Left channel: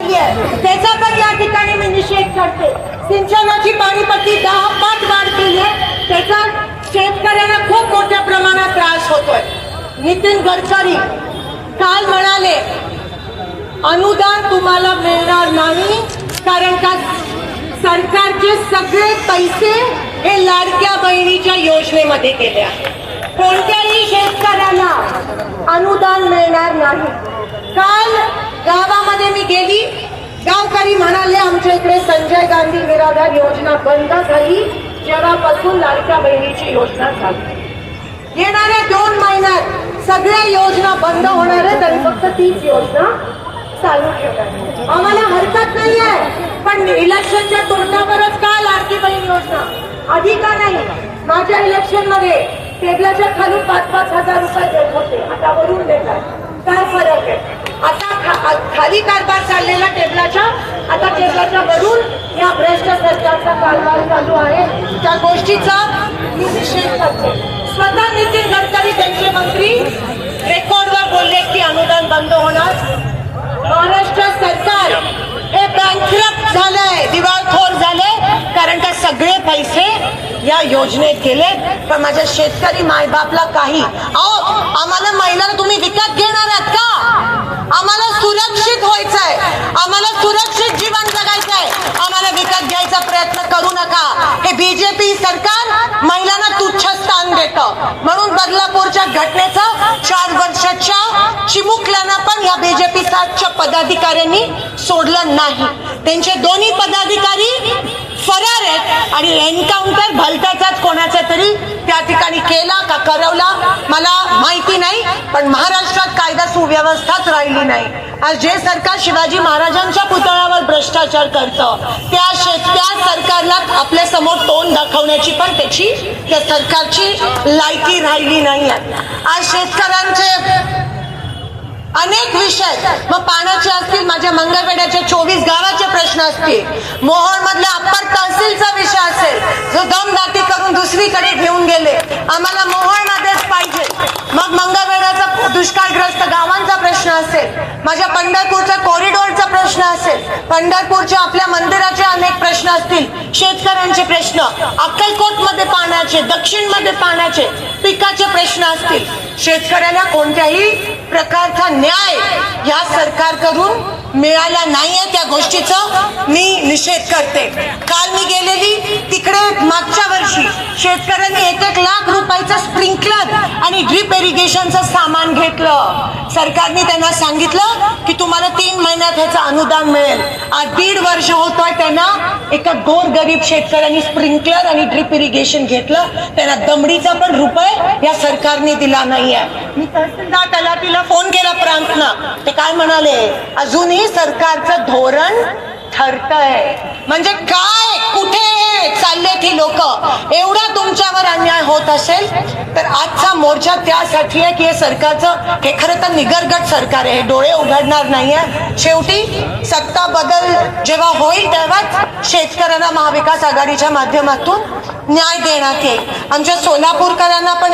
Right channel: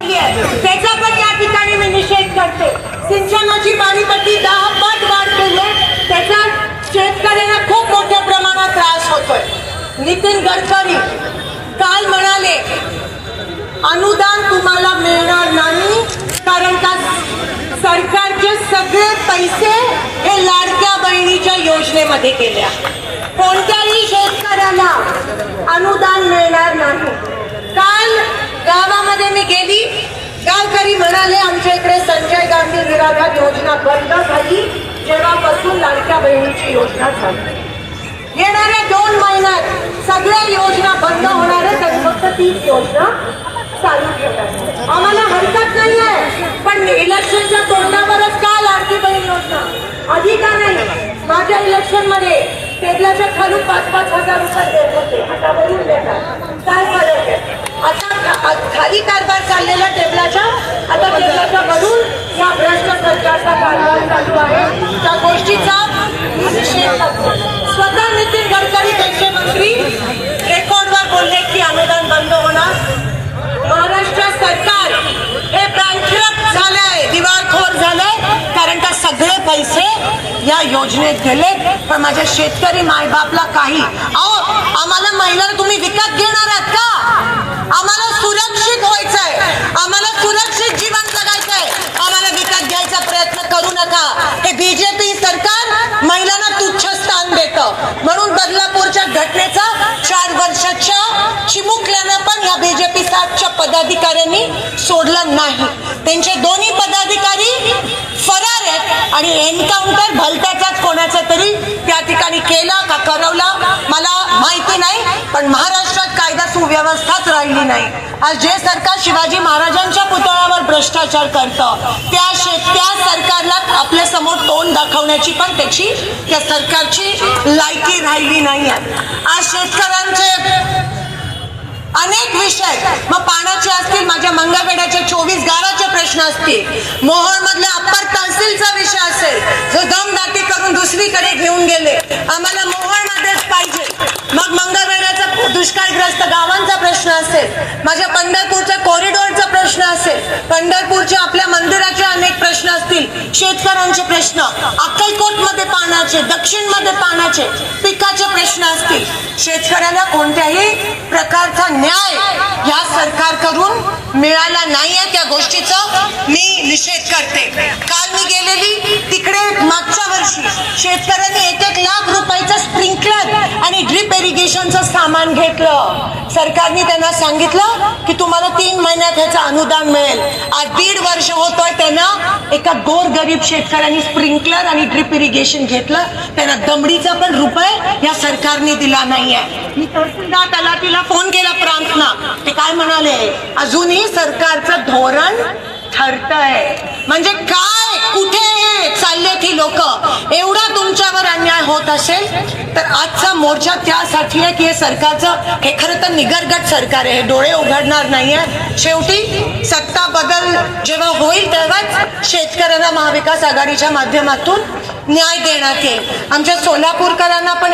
त्याचा पण या ठिकाणी मी निषेध करते. सिंचनाची पाणीपट्टी दहा पट वाढ केली त्याचा शेतकऱ्यांना खूप मोठ्या प्रमाणात त्रास होतोय. नितीन गडकरी काल म्हणाले अनुदान तुम्हाला मिळणार नाही कारण का सरकारचे सगळे पैसे हे लाडक्या बहिणीच्या योजनेमध्ये गेले कोणत्याही शेतकऱ्याला अनुदान मिळणार नाही काल गावामध्ये मी गेली गावकरी म्हणाले आमच्या इकडे संजय गांधी निराधार योजना बंद झाली. जेव्हापासून लाडक्या बहिणीची योजना झाली. येणाऱ्या दोन महिन्यात सगळ्या योजना बंद होणार आहेत आणि फक्त तीच योजना चालू ठेवणार आम्हाला हरकत नाही आहे पण इलेक्शनच्या तोंडावरच का लाडकी बहीण योजना? आधी का नाही माझ्या इलेक्शनमध्ये टेबलाच्या खाली पाच पाच हजार रुपये देत होते. आता वरून देतात काय फरक आहे? आता खाली कारभार चाललेला टेबलाच्या आता सरकारचा वरून या भ्रष्ट सरकारचा कारभार चालू आहे. त्या गोष्टीचा मी निषेध स्वतः नितीन गडकरी त्यांचे मंत्री रेकॉर्डवर बोलले की अनुदान बंद होणार. महाराष्ट्र सरकार हे बँकरप्ट झालंय दिवाळखोर झालंय कारण का सगळे पैसे या योजनेत गेले. पण माझ्या शेतकरी मायबापला काही. अहो आम्हाला महिला तुम्ही विकत घेणार आहात का? आम्हाला सुरक्षित व्हायचंय. आम्हाला सुरक्षित जीवन जगायचंय आम्हाला विकत घ्यायचा प्रयत्न करू नका हे बीजेपी सरकार महिलांना तुच्छ स्थान देत. म्हणून बदलापूरच्या घटनेचं चार वर्षाच्या चिमुकल्यांना पण या बीजेपी सातच्या पदाधिकाऱ्यांनी सोडलं नाही. त्यांचे दोन्ही पदाधिकारी फरार आहेत आणि एन्काउंटर भलत्याचाच कोणाचा तरी त्या ठिकाणी केला का करवला मला माहिती नाही पण महाराष्ट्रात कायदा सुव्यवस्थाच राहिली नाही. आज जे सरकार शिवाजी महाराजांच्या पुतळ्यावर भ्रष्टाचार करतं त्या शेत त्या सरकारला आपल्यासमोर तोंड दाखवण्याची पण त्याची त्या सरकारची लायकी राहिली नाहीये. आज शेतकऱ्यांचे अनेक विषय मग पाण्याचे असतील माझ्या मंगळवेड्याच्या चोवीस गावाचे प्रश्न असतील. मोहर मधल्या अप्पर तहसीलचा विषय असेल जो दमदाटी करून दुसरीकडे घेऊन गेले. आम्हाला मोहर मध्येच पाहिजे. मग मंगळवेड्याचा दुष्काळग्रस्त गावांचा प्रश्न असेल. माझ्या पंढरपूरच्या कॉरिडॉरचा पंढरपूरच्या आपल्या मंदिराचे अनेक प्रश्न असतील. शेतकऱ्यांचे प्रश्न अक्कलकोटमध्ये पाण्याचे दक्षिणमध्ये पाण्याचे पिकाचे प्रश्न असतील. शेतकऱ्यांना कोणत्याही प्रकारचा न्याय या सरकारकडून मिळाला नाहीये त्या गोष्टीचा मी निषेध करते. काल मी गेलेली तिकडे मागच्या वर्षी शेतकऱ्यांनी एक एक लाख रुपयाचं स्प्रिंकलर आणि ड्रीप इरिगेशनचं सामान घेतलं. सरकारने त्यांना सांगितलं की तुम्हाला तीन महिन्यात ह्याचं अनुदान मिळेल. आज दीड वर्ष होतोय त्यांना. एका गोर गरीब शेतकऱ्यांनी स्प्रिंकलर आणि ड्रिप इरिगेशन घेतलं. त्यांना दमडीचा पण रुपये या सरकारने दिला नाहीये. मी तहसीलदार तलाटीला फोन केला प्रांतना ते काय म्हणाले? अजूनही सरकारचं धोरण ठरतंय. म्हणजे काय? कुठे चालले ती लोक. एवढा तुमच्यावर अन्याय होत असेल तर आजचा मोर्चा त्यासाठी आहे की हे सरकारचं हे खरं तर निगरगट सरकार आहे. डोळे उघडणार नाहीये. शेवटी सत्ता बदल जेव्हा होईल तेव्हाच शेतकऱ्यांना महाविकास आघाडीच्या माध्यमातून न्याय देण्यात येईल. आमच्या सोलापूरकरांना पण